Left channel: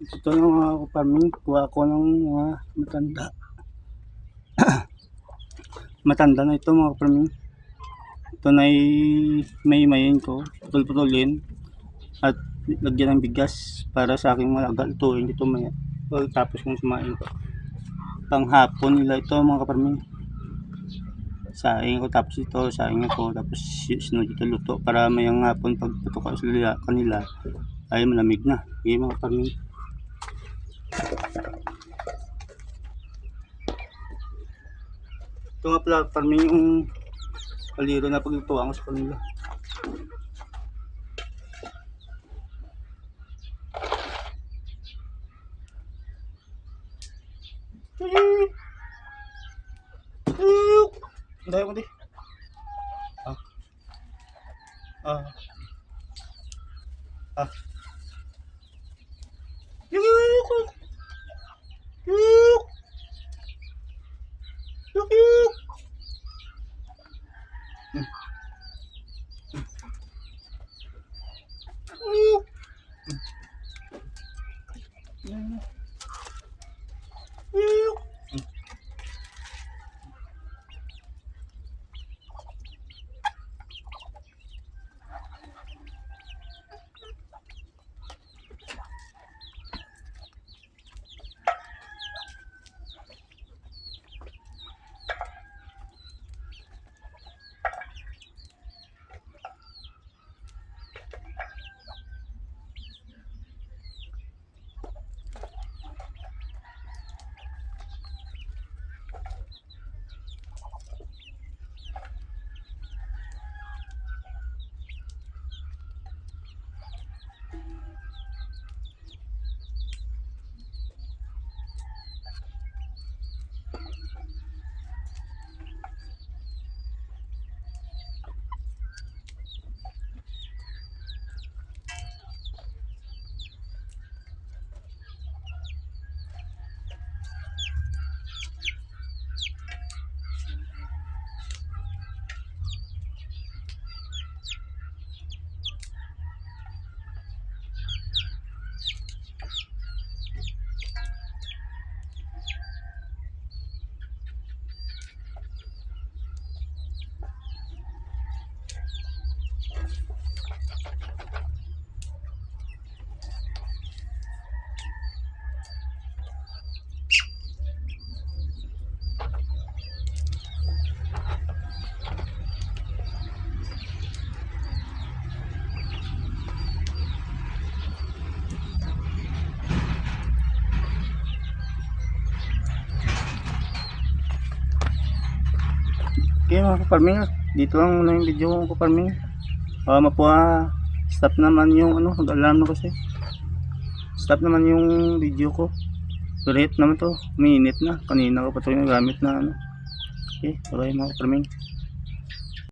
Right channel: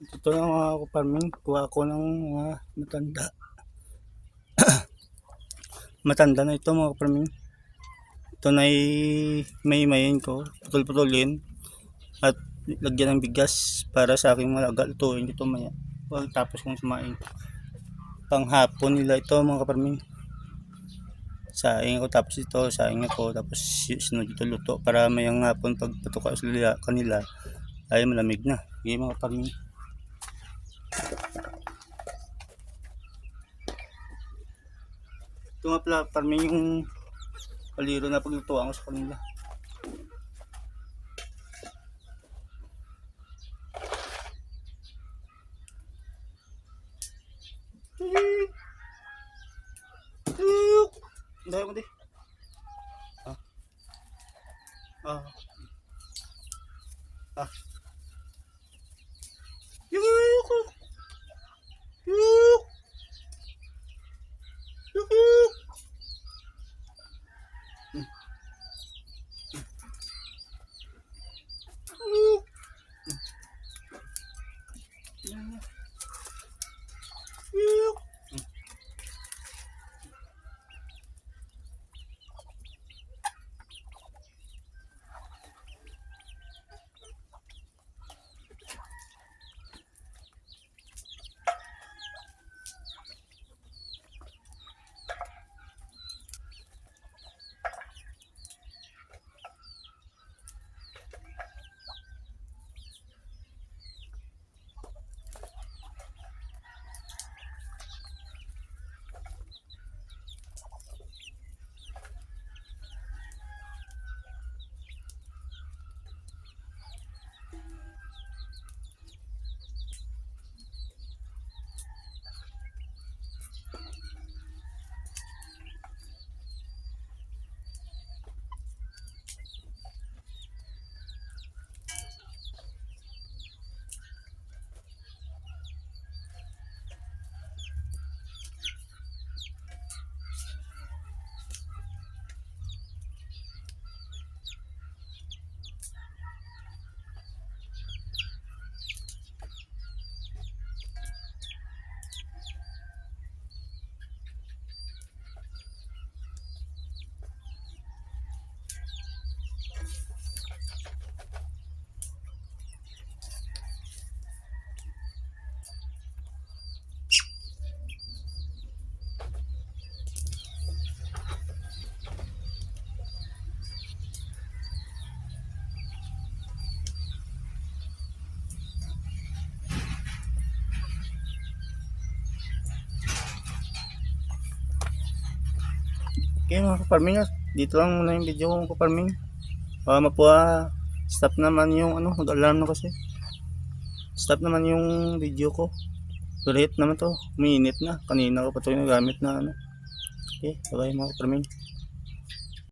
Ito yung mga farming, kuha ko ng mga matanda. Matanda na ito mga farming. Ito na may mayin ko, putol-putulin at lagyan ng bigas para sa aking mga lutuin dito maya. Tapos kung sumain ko. Panghapon nila ito mga farming. Saing ko, tapos ito, saing ako, tapos sunod ito luto para mayang hapon pag putok ko sa kanila ay malamig na. Okay mga farming. Ito nga pala farming yung kaliro na paglutuan ko sa kanila. Dahil ko di. Okay mga kaparming, dito lang muna yung video ko kaparming. Stop naman yung alarm na kasi. Stop naman yung video ko. Ulit naman to, minute na. Kanina ko pa ito yung gamit na Okay, bye mga kaparming.